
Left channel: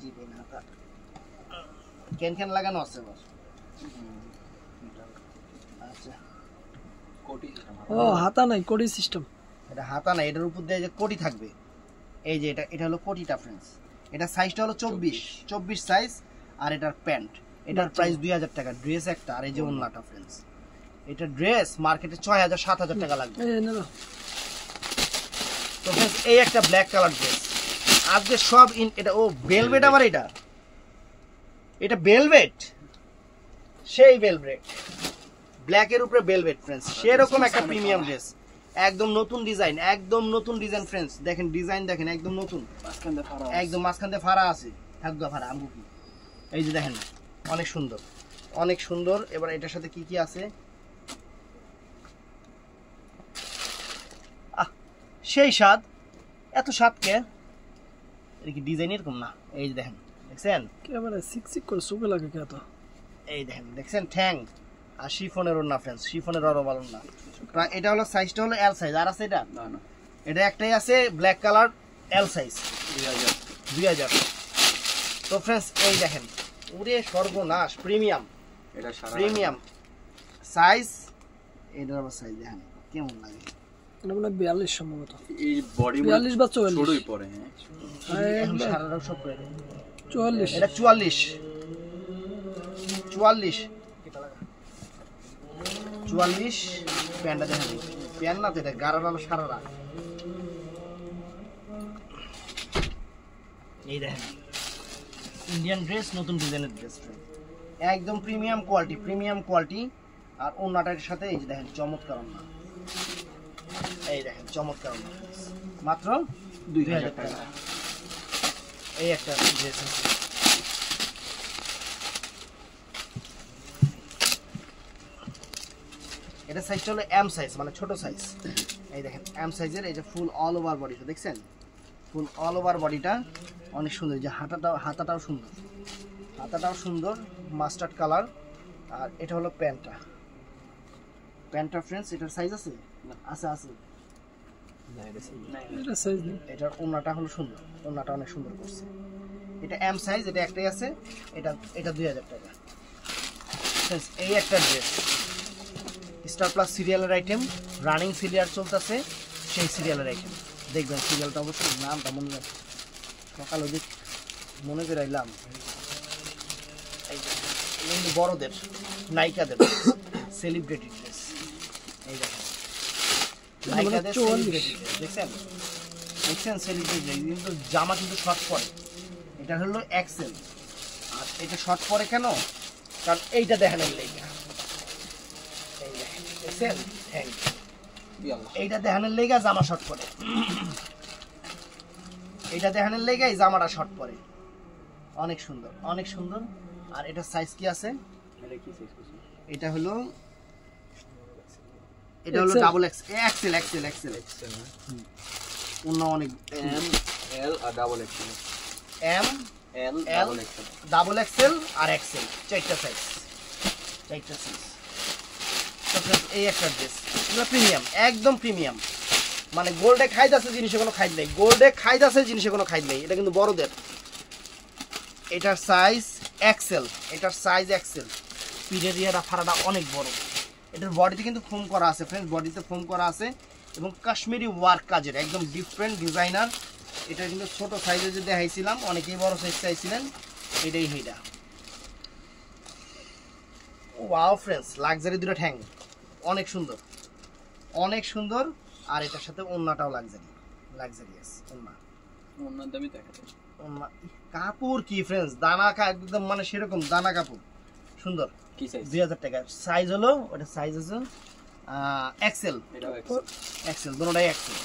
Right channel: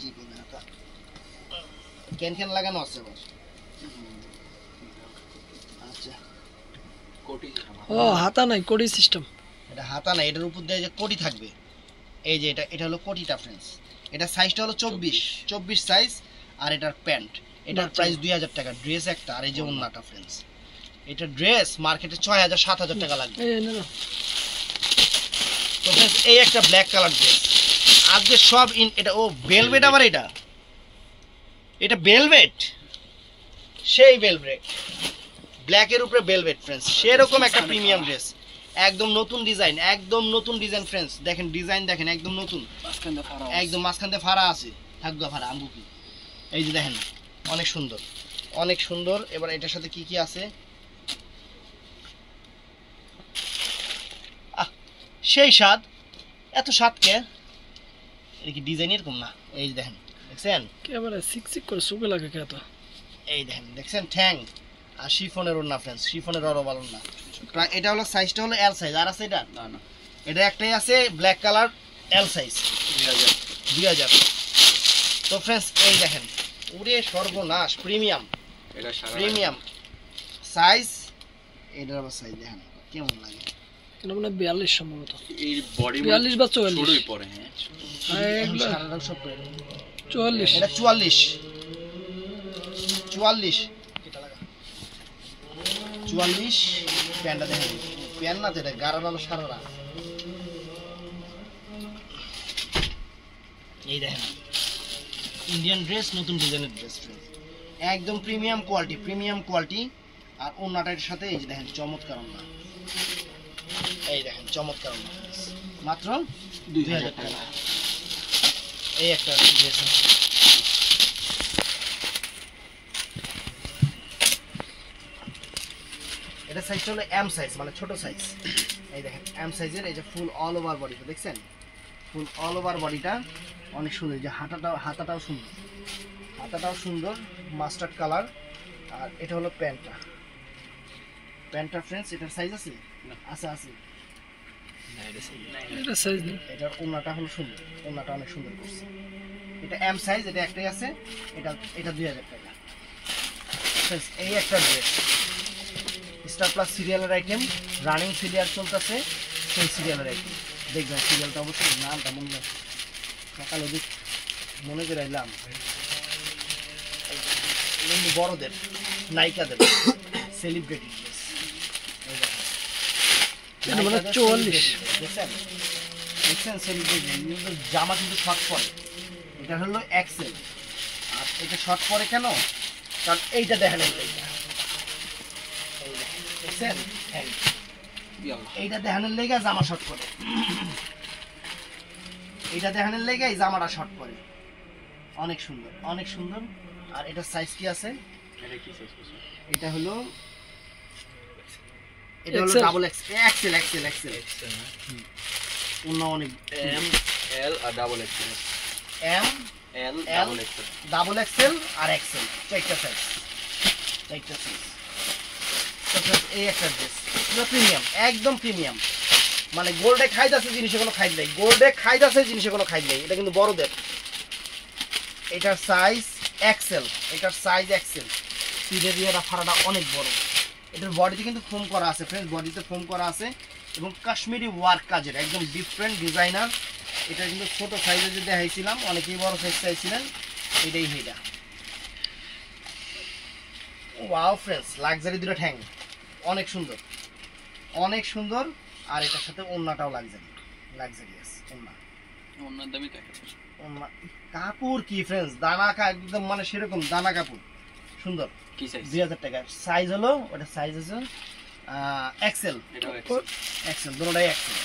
জি কোন হাতা ক্যান লাগানো আছে বস। আচ্ছা কোটি। ও হাতা নাই, কোটি সিস্টেম। এটা হাতা না, এটার উপর দিয়ে যে কোটি থাকবে। এই যে এটা হলো কোটিটা ফ্রেন্ডস। এটা সাইজটা হলো 24 সাইজ। আর এটার প্যান্ট, এটার প্রাইস 2000 টাকা ড্রেস একটা। আর এই যে ওন্নাটা ফ্রেন্ডস, এটা ড্রেস মার্কেটে 6000-7000 টাকা লাগবে। তো ফ্রেন্ডস এই একটা ব্ল্যাক কালার ড্রেস আজকে সব এটা ও ভেলভেট। আবার এটা ভেলভেট, সেই ভেলভেট ব্ল্যাকের উপরে ভেলভেট ফ্রেন্ডস, সেরকম একটা প্রিমিয়াম ড্রেস, একদম নতুন ডিজাইন, একদম নতুন ডিজাইন ফ্রেন্ডস। দেখেন ডিজাইন দেখেন, একদম নতুন, একদম মাঝখান দিয়ে ফাড়া আছে, থাকবে ফাড়া আমগু কি। এই যে দেখেন অনেক সুন্দর, অনেক সুন্দর। এবার এটার সাথে কি কি আছে, সেই স্বাদ, এত স্বাদ কে? এটা কি ডিজাইন এরকম না? এই যে দেখেন, দেখছেন ক্যামেরা সিকসিক করে সুবে লাগে কে তো। এই দেখেন দেখছেন ঠ্যাং। আর শিফনের ওড়না ফ্রেন্ডস, শিফনের অরবাল ওড়না। এটা হলো সাইজটা হলো এল সাইজ। আর আছে এটা না, এটা একটাই আছে ব্ল্যাক কালার এল সাইজ, 2000। তো ফ্রেন্ডস এই দেখেন, ওরে সর্বনাশ, প্রিমিয়াম, এটা প্রিমিয়াম সাইজ। এটার আবার সাইজ দেখেন কেমন লাগে, এটা মানে 42 সম্ভবত, এই বডি 42 বা 44 ছোটই পড়ে। হ্যাঁ সারাটা সব 44, এটা 44 কেটা লাগা 44। প্যান্টটা দেখেন, প্যান্ট না তো এটা গারার আলো সারারা। এই দেখেন ইন্ডিয়ান ড্রেস, নতুন ডিজাইনের ড্রেস, একদম প্রিমিয়াম কোয়ালিটি, প্রিমিয়াম কোয়ালিটি। আর ওন্নাটার সাথে এই যে দেখেন চমৎকার ওন্না, এই দেখেন চমৎকার ওন্না, মাত্র 2000 টাকা। এই একটা ড্রেস আছে, এটা সাইজটা হলো এম সাইজ, মানে ছোট সাইজ। এই দেখেন এম সাইজের, এই যে ফুল অল ওভার বডিটা দেখছেন, ফুল অল ওভার বডিটা অনেক সুন্দর। যে হাতাটাও সুন্দর, হাতাটাও সুন্দর মাস্টার্ড কালার। আর এটা হলো প্যান্টটা ফ্রেন্ডস। এটার সাইজ আছে আছে এটা সাইজ নেই। এটার ওড়নাটা হলো সুন্দর, ওড়নাটা অনেক সুন্দর করছে। এটা এম সাইজ, এটা একটাই আছে। এটা 2000 টাকা। এই একটা ড্রেস স্টার প্লাস সিরিয়ালের আইটেম, রানিং সিরিয়াল চলতেছে, সেই সিরিয়ালের আইটেম দেখবেন। সিরিয়ালটা অবশ্যই নামটা মনে রাখবেন, সকাল ওদিক মনে করে আইলাম। বড়দের নায়িকাদের সেলিব্রিটি ড্রেস, এই দেখেন 44 দেখছেন সেলিব্রিটি। কিন্তু জামা কিন্তু শর্ট পরে, এটা হলো এক্সেল। আর এটা শর্ট পরে কেন? কারণ এইটা দেখেন, দেখছেন এইটা দেখানোর লেগে জামা শর্ট করে, এইটা দেখানোর লেগে এই জামাটা শর্ট করে। অনেক সুন্দর, অনেক সুন্দর। আর এটা সাইজ কি আছে? এটা হলো ডাবল এক্সেল। অন্য অনেক এম এল আর double XL, M L L double XL আর এক্সেল, চারটা সাইজ। এই একটা ড্রেস প্রিমিয়াম, একদম প্রিমিয়াম। মানে গোল্ডে খাইতেছে জিনিসে কোনো খাইদ নেই, গোল্ডে খাইতেছে জিনিসে কোনো খাইদ নেই। এটা কিন্তু বড়দের। এটার সাইজ এক্সেল, সিরিয়াটা ফাড়াটা অনেক বড়। এটার বডিতে কিন্তু ফোম করা আছে ফ্রেন্ডস, বডিতে ফোম করা আছে এবং কাশ্মীরি ওয়ার্ক কাজের, একদম ডিফারেন্ট ডিজাইনার। এটা কিন্তু ছোট সাইজে যে দেখাইছিলাম, অনেকেই বড় সাইজ চাইছিলেন, এটাই হইটা। ওয়াও ফ্রেন্ডস, লাক্সারি দুটো ঠ্যাং, অনেক সুন্দর, অনেক সুন্দর। আর এটার সাথে ওড়নাটাও লাক্সারিয়াস ওড়না। ওনার দামই টাকা। ওড়না কাপড় কি ফ্রেন্ডস, দানা একদম মানে সেরকম দানা কাপড়, সুন্দর। কি সাইজ? 2000 টাকা। সাইজ হলো, ওটা সাইজ আছে এক্সেল, দুটোটাই এক্সেল।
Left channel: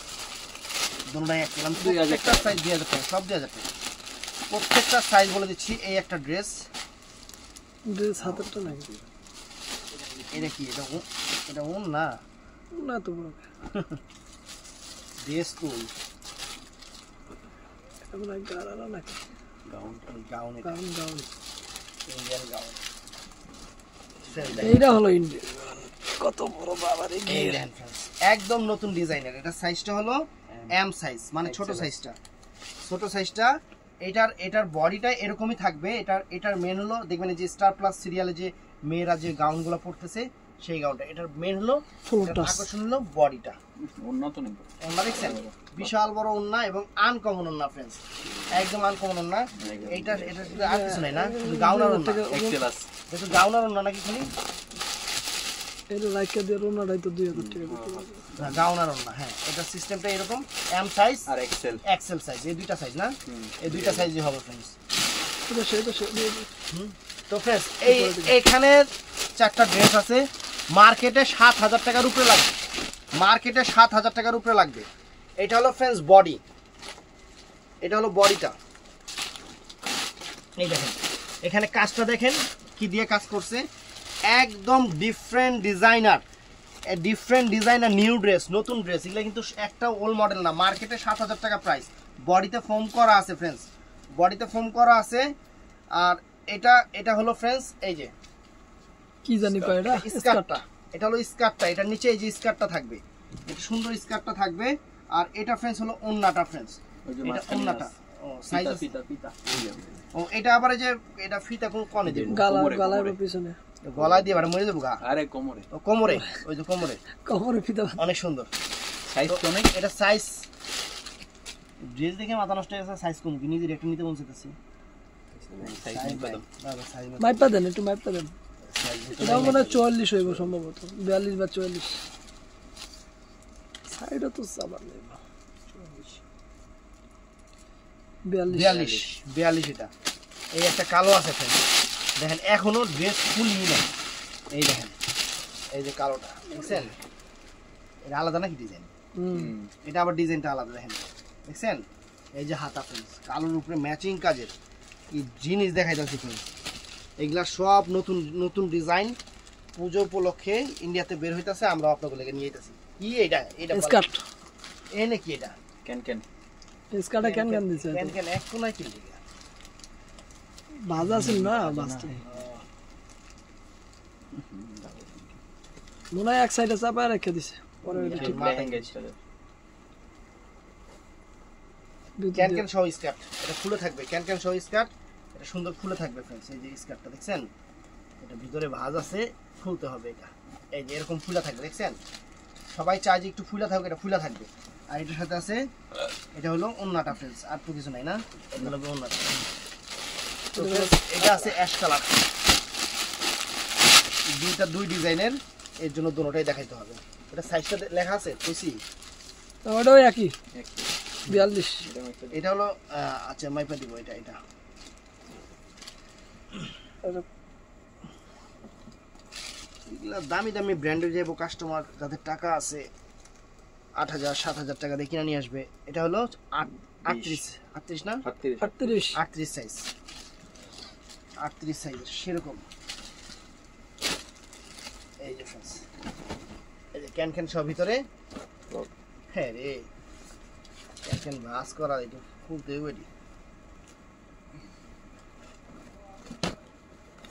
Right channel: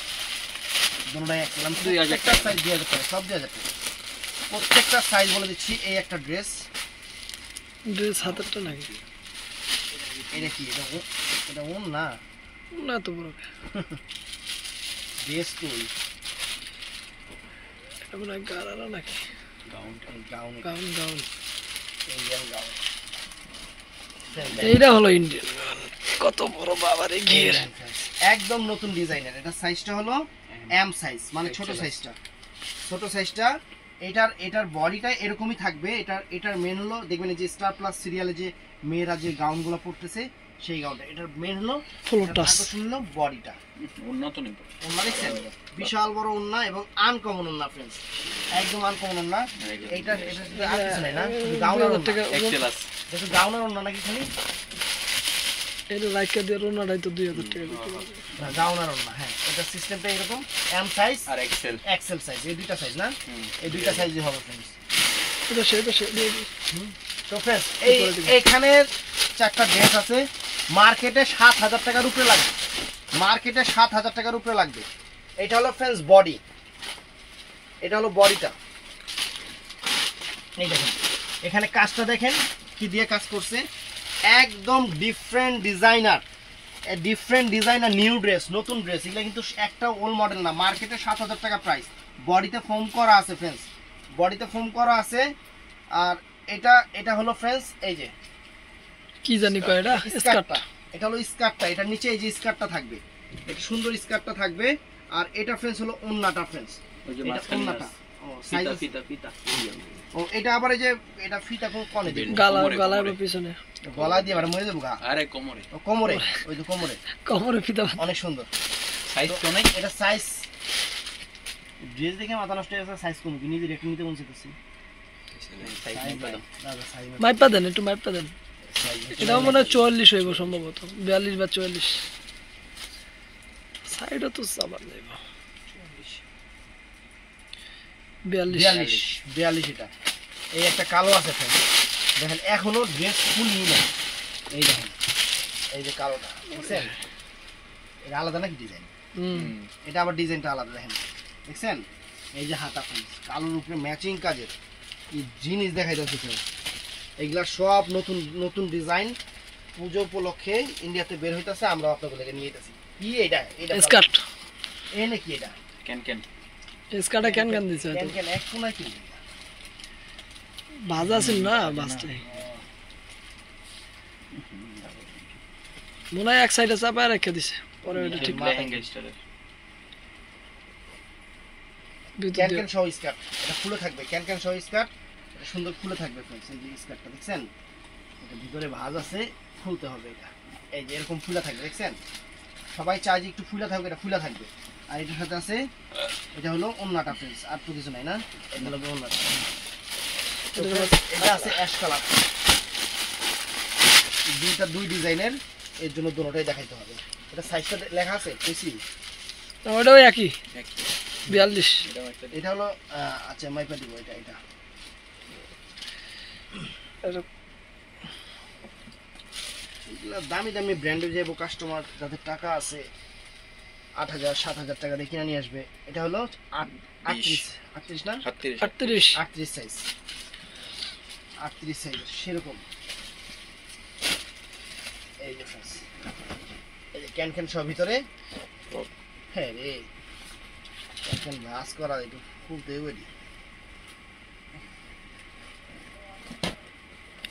আমি প্রত্যেকটা সাইজ 2000 টাকা, সব 2000 টাকা, প্রত্যেকটা সাইজ বলে দিচ্ছি। এই একটা ড্রেস হাতেরটা নাকি? এটা কি? এটা ওন না, না তো বড় ড্রেস তো এটা মনে হয় গারারা নাকি? Gown, Indian gown. এইটা হলো ইন্ডিয়ান গাউন। কত বড় বাবারে ঘের, একদম নতুন ডিজাইনের। এটা সাইজটা হলো এম সাইজ, মানে ছোট সাইজটা। এটার বডিটা এরকমই থাকবে। এটার মেন হলো, দেখবেন যে স্টার প্লাস সিরিয়ালে যে মেয়েরা যে গাউনগুলো পরতেছে, সেই গাউনটা। এটার মেন হলো আকর্ষণ হলো বডিটা। ওন্না দেখছেন, বিশাল বড় ওন্না এবং আনকমন ওন্না ফ্রেন্ডস, একদম আনকমন ওন্না। এটা আর কিছু নাই না, গাউনার ওন্না। দেখুন গাউনার ওন্না নাকি খালি এটা লাইকা দিয়ে রোনাটাই তো 2000 টাকা বিক্রি করে। না, গাউনার ওন্না। হ্যাঁ, এটা সিস্টেমটা এরকম, এম সাইজ আর এক্সেল সাইজ, এই দুইটা সাইজ না, এই দুইটা সাইজই হবে ফ্রেন্ডস। এটা সেটা তো ফ্রেন্ডস, এইখানে 4টা ড্রেস আছে। মার্কেটে 7000 টাকার উপরে লাগবে, মার্কেটে 7000 টাকার উপরে লাগবে। এটা হলো ফ্রেন্ডস বডি, এটা হলো বডিটা। এই দেখেন, এখানে কাজটা দেখেন কি দিয়ে কাজ করছে, একদম ডিফারেন্ট ডিজাইনার, নিউ ড্রেস, নতুন ড্রেস। এগুলো কিন্তু একটা ওল্ড মডেল না, মার্কেটে 7000 টাকা প্রাইস। বডিতে ফোম করা আছে ফ্রেন্ডস, বডিতে ফোম করা আছে। আর এটা হলো ফ্রেন্ডস, এই যে কি জানি কয় এটা স্কার্টটা, এটা হলো স্কার্টটা। এটার নিচে এই যে স্কার্টটা থাকবে, একটা সুন্দর স্কার্টটা থাকবে। আর এটা ফ্রেন্ডস হলো ওন্নাটা ফ্রেন্ডস, এটা ওন্নাটা। ও সাইজ ফিতা। ও এটা আবার এই যে এটা ফিতা কোনে দিবেন? গলার পিছনে, গলায় দিয়ে মরে যাবো গা। আরে কোমরে, কোমরে, ওই যে কোমরে ফিতা, অনেক সুন্দর সাইজ তো নাই। এটা সাইজ, ড্রেস দেখে মাথা নষ্ট হয়ে গেছে। সাইজ কম কি নিজে রেট নিতে বলছি? মাইপা দেন, একটু মাইপা দেন। এটাও মনে হয় 44 হইব সম্ভবত, 42 বা 44। সাইডও তো সাবান দেব 42। এটা এই একটা কালো আছে দেখেন, এখনো ড্রেস ফুল নিউ না। এই দেখেন, এই যে কালোটা দেখছেন, এটা আলাদা নাকি ডিজাইন? এটা আবার ডিজাইনটা আলাদা দেখেন, দেখছেন? এই যে হাতা ফ্রেন্ডস, কালোর উপরে ম্যাচিং কাজের এই জিনিস দেখাই যাচ্ছে ফ্রেন্ডস। এগুলা সব নতুন ডিজাইন, পুজো উপলক্ষে ইন্ডিয়াতে বের হইতাছে, আমরা আপনাদেরকে নিয়ে যেতেছি। কি এটা? এটা স্কার্ট এ নাকি এটা? ক্যান স্কার্টে কেন কেন দিছে কেন কেন এক কোনায় কি? বাজা ছিল না বাজতে মনে হয় এক সাইডে চাপা রেখে দিছে, পরে ওটা ঠিক লেহেঙ্গা স্টাইলের ভিতর ক্যান দিয়ে। ক্যান সহ স্কার্ট, এটা খুলে থাকবে। ক্যান ক্যান সহ স্কার্ট, এটা সুন্দর খুলে থাকবে फ्रेंड्स। এই যে স্কার্টটা দেখছেন, এটা ভিতরে ভাঁজ আছে, খুলতে হবে এটা। এই যে এরকম ফুলা থাকবে, দেখছেন? সবাই চায় যে একটু ফুলা থাকবে, এটা ফুলা থাকবে। আর এটার সাথে আছে, এটা হলো ওন্নাটা फ्रेंड्स, আর তো কিছু নাই না, এটা হলো ওন্নাটা। এটা আছে অ্যাশ কালার, দুই ডিজাইনের, এর জন্য দুটোটাই দেখাইতে হবে। এটা সাইজটা লেখা আছে কইছি? না, ওটাও একই 42। এটা হলো আচ্ছা মাইপা দিব এটা। এটা এগুলা দামি দামি ব্র্যান্ডের যাবো, কাস্টমার যাদের টাকা আছে 8,000 7,000 টাকা দিয়ে কিনে নিয়ে আসবে। এটা হলো 38 না 38 38 সাইজ, 38 সাইজের সেরকম। এই যে friends, এই যে ক্যান ক্যান সব ভিতরে। হ্যাঁ রে, ক্যান ক্যান ভাঁজ করা, একটু খুলতে ওইটি।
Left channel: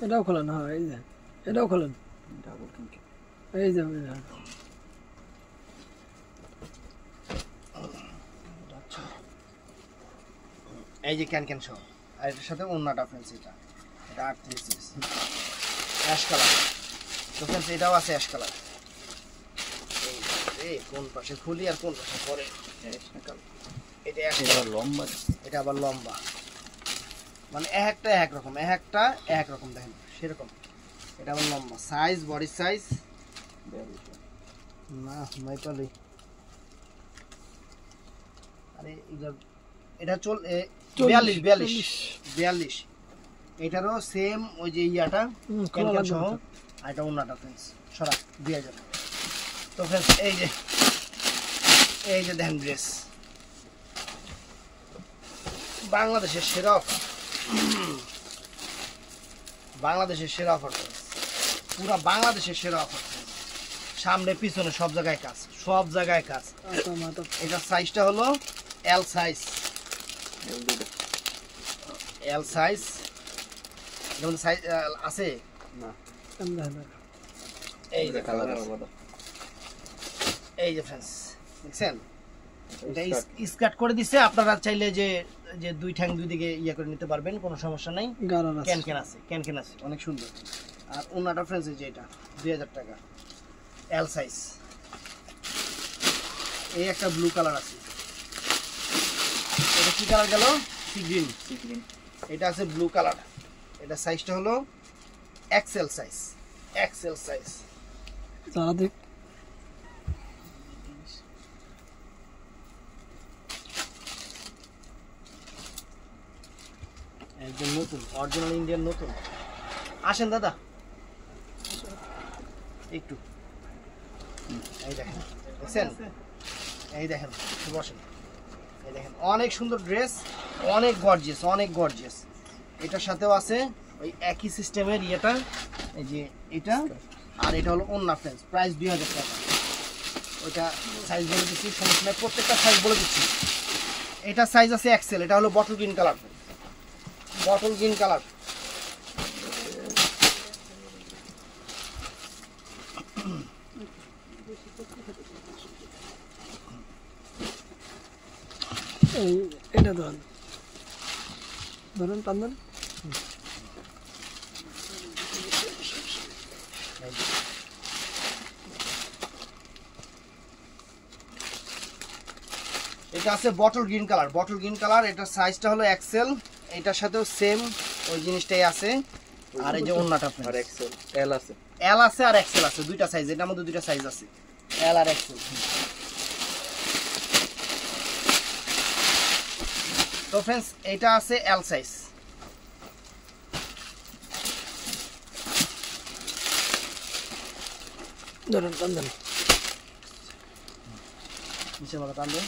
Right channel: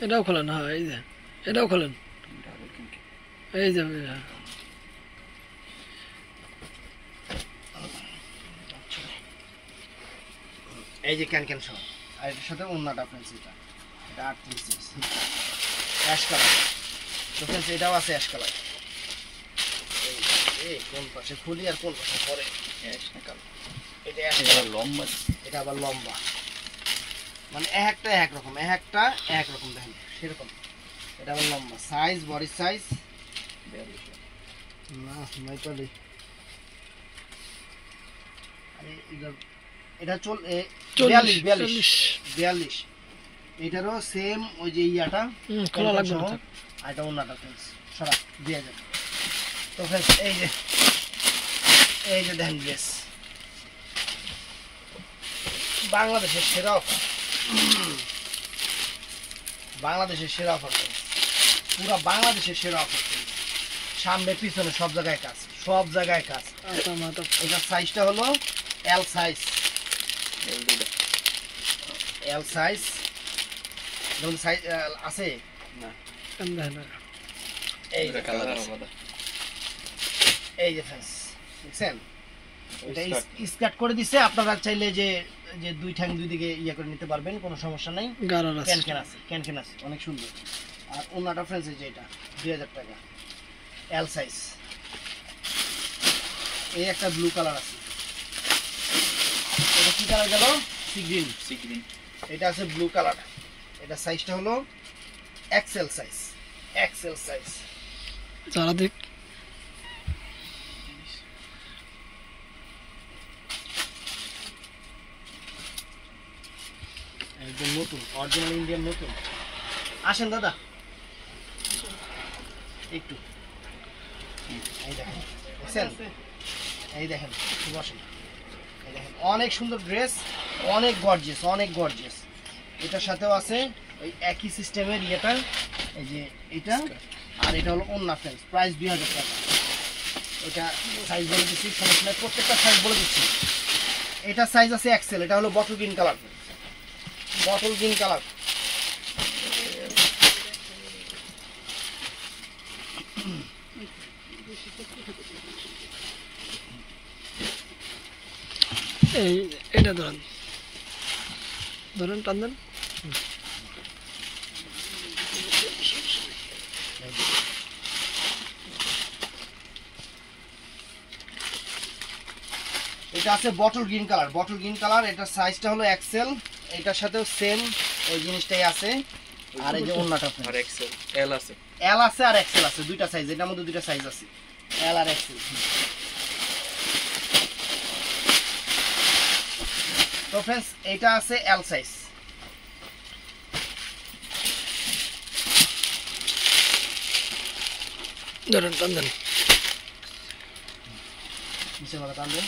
এটাও খোলেন, হ্যাঁ এই যে এটাও খোলেন, এই যে এই যে ক্যান ক্যান সহ, আর এটার সাথে ওন্নাটা फ्रेंड्स, এটা 38 সাইজ অ্যাশ কালার। তো फ्रेंड्स এটাও আছে অ্যাশ কালার। এই কোন পাশে খুলি আর কোন পাশে পরে? এটা অ্যাশ কালার, লম্বা, এটা আবার লম্বা, মানে একটা এক রকম, এক রকম দেখেন সেরকম। এটা আবার লম্বা সাইজ, বডি সাইজ না নয়টালি। আরে এটা 42। এটারও সেম ওই যে ইয়াটা খোলা লাগবে না। আর এটা ওন্নাটা फ्रेंड्स সরা দিয়ে যাবে। তো फ्रेंड्स এই যে দেখেন ড্রেস, বাংলাদেশের সেরা অফার, বাংলাদেশের সেরা অফার, পুরো বাংলাদেশের সেরা অফার। সামনে পিছনে সব জায়গায় কাজ, সব জায়গায় কাজ। আচ্ছা মাথা এটা সাইজটা হলো এল সাইজ, এল সাইজ। যেমন সাইজ আছে না কেন দেখেন না। এই এটা কালার আলাদা। এই যে फ्रेंड्स দেখছেন, এটা স্কার্ট করে দিছে। আপনারা চাইলে যে যে দুই ঠ্যাং দুই দিকে ইয়ে করে নিতে পারবেন, কোনো সমস্যা নাই। গারার আছে ক্যান ক্যান আছে অনেক সুন্দর। আর ওন্নাটা फ्रेंड्स এই যে এটা 2000 টাকা এল সাইজ। এই একটা ব্লু কালার আছে, এটা কি কালার গেল? Sea green. এটা আছে ব্লু কালার, এটা সাইজটা হলো এক্সেল সাইজ, যারা দেখ একদম নতুন, অরিজিনাল ইন্ডিয়ান নতুন। আসেন দাদা একটু, এই দেখেন দেখছেন, এই দেখেন বসেন, এই দেখেন অনেক সুন্দর ড্রেস, অনেক গর্জিয়াস। এটার সাথেও আছে ওই একই সিস্টেমের ইয়েটা, এই যে এটা, আর এটা হলো ওন্না फ्रेंड्स, প্রাইস 2000 টাকা। ওইটা সাইজ বলে দিচ্ছি, সমস্যা নাই, প্রত্যেকটা সাইজ বলে দিচ্ছি। এটা সাইজ আছে এক্সেল, এটা হলো বটল গ্রিন কালার, এই এটা ধরেন টান দেন। এটা আছে বটল গ্রিন কালার, এটার সাইজটা হলো এক্সেল। এটার সাথেও সেম ওই জিনিসটাই আছে। আর এই যে ওন্নাটা আর এক্সেল এল আছে, এল আছে আর এক্সেল আছে, দুইটা সাইজ, এটার মধ্যে দুইটা সাইজ আছে, এল আর এক্সেল। তো फ्रेंड्स এটা আছে এল সাইজ। ধরেন টান দেন। নিচে মাথা টান দেন।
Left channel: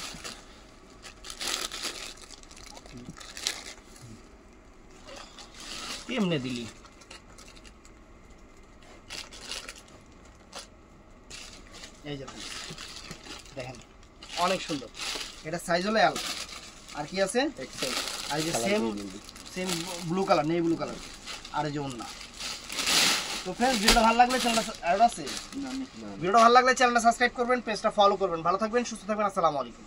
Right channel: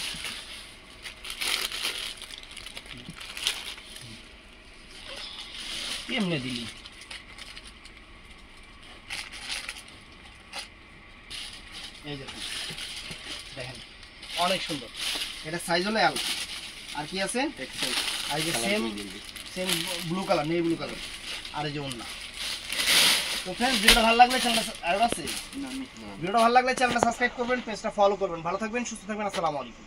এমনি দিলি এই যে দেখেন অনেক সুন্দর, এটা সাইজ হলো এল। আর কি আছে, এক্সেল আর এই যে সেম সেম ব্লু কালার, নেই ব্লু কালার, আর এই যে ওন্না। তো ফ্রেন্ডস ভিডিওটা ভালো লাগলে চ্যানেলটা ভিডিওটা ভালো লাগলে চ্যানেলটা সাবস্ক্রাইব করবেন, পেজটা ফলো করবেন। ভালো থাকবেন, সুস্থ থাকবেন, আসসালামু আলাইকুম।